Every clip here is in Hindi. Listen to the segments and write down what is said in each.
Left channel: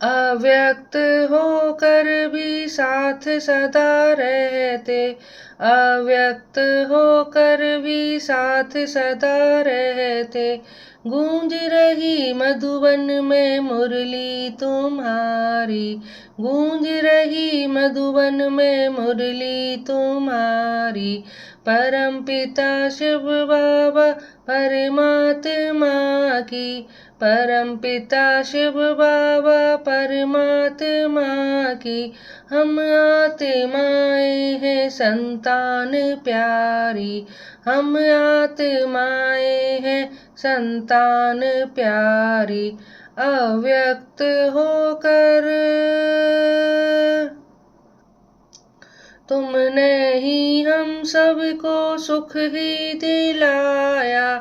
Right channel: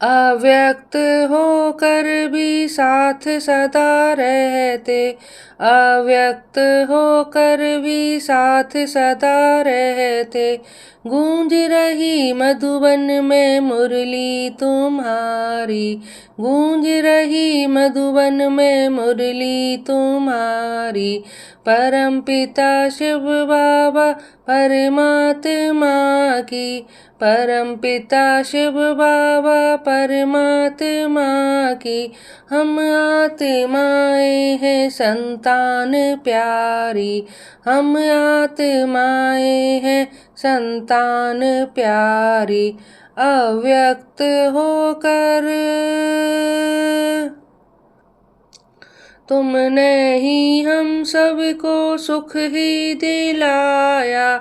अव्यक्त होकर भी साथ सदा रहते, अव्यक्त होकर भी साथ सदा रहते। गूंज रही मधुबन में मुरली तुम्हारी, गूंज रही मधुबन में मुरली तुम्हारी। परम पिता शिव बाबा परमात्मा की, परम पिता शिव बाबा परमात्मा की। हम आत्माएं हैं संतान प्यारी, हम आत्माएं हैं संतान प्यारी। अव्यक्त होकर तुमने ही हम सबको सुख ही दिलाया,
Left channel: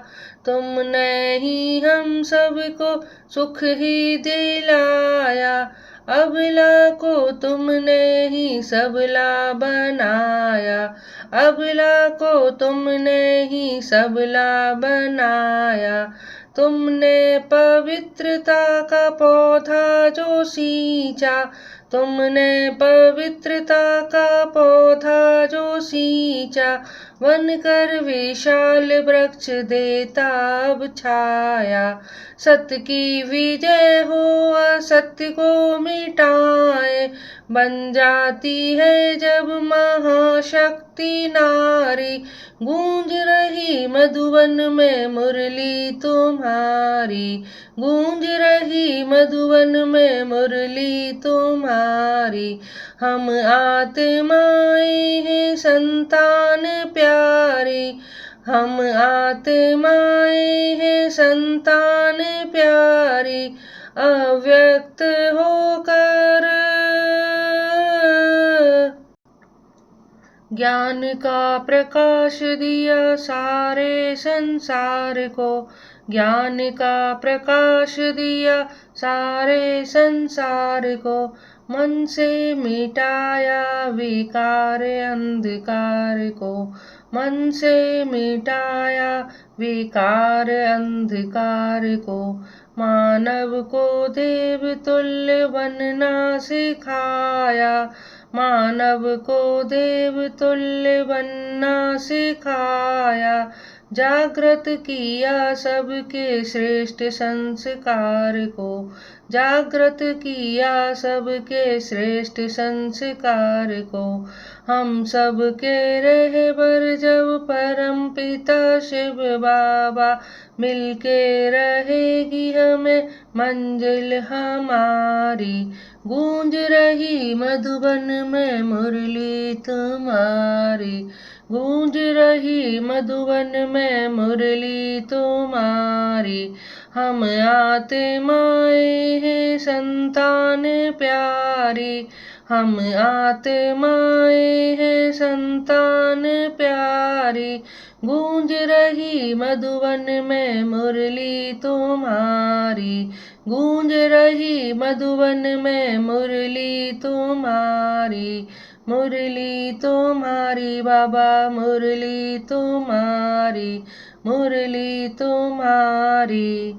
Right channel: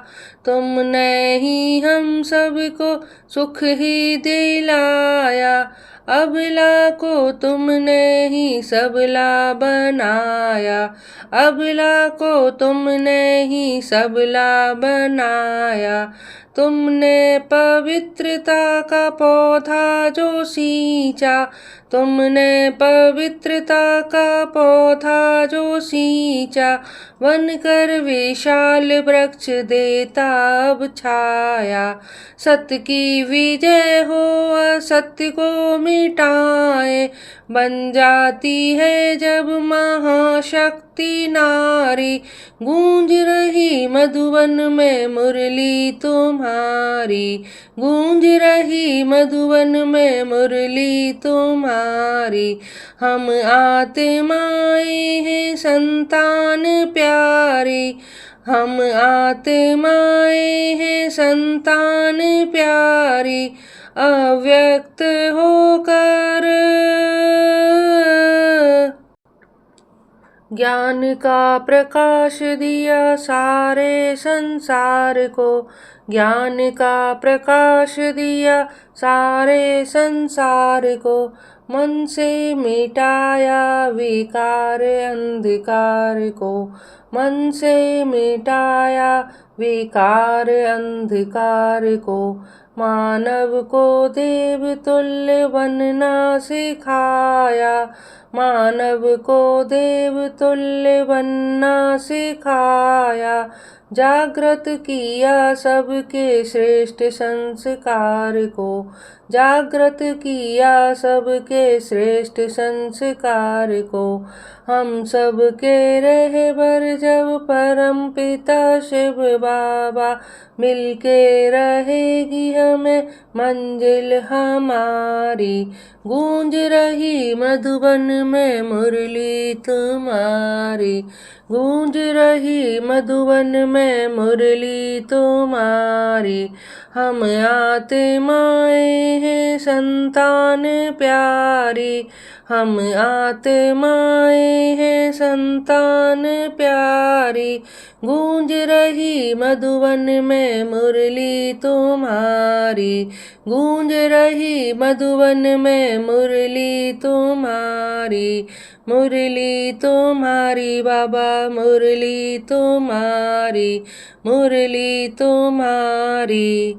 तुमने ही हम सबको सुख ही दिलाया। अबला को तुमने ही सबला बनाया, अबला को तुमने ही सबला बनाया। तुमने पवित्रता का पौधा जो सींचा, तुमने पवित्रता का पौधा जो सींचा। बनकर विशाल वृक्ष देता अब छाया। सत्य की विजय हो असत्य को मिटाए, बन जाती है जब महाशक्ति नारी। गूंज रही मधुबन में मुरली तुम्हारी, गूंज रही मधुबन में मुरली तुम्हारी। हम आत्माएं हैं संतान प्यारी, हम आत्माएं हैं संतान प्यारी। अव्यक्त होकर ज्ञान का प्रकाश दिया सारे संसार को, ज्ञान का प्रकाश दिया सारे संसार को। मन से मिटाया विकार अंधकार को, मन से मिटाया विकार अंधकार को। मानव को देव तुल्य बनना सिखाया, मानव को देव तुल्य बनना सिखाया। जागृत किया सबके श्रेष्ठ संस्कार को, जागृत किया सबके श्रेष्ठ संस्कार को। हम सबके रहबर जब परम पिता शिव बाबा, मिलके रहेगी हमें मंजिल हमारी। गूंज रही मधुबन में मुरली तुम्हारी, गूंज रही मधुबन में मुरली तुम्हारी। हम आत्माएं हैं संतान प्यारी, हम आत्माएं हैं संतान प्यारी। गूंज रही मधुबन में मुरली तुम्हारी, गूंज रही मधुबन में मुरली तुम्हारी। मुरली तुम्हारी बाबा, मुरली तुम्हारी, मुरली तुम्हारी।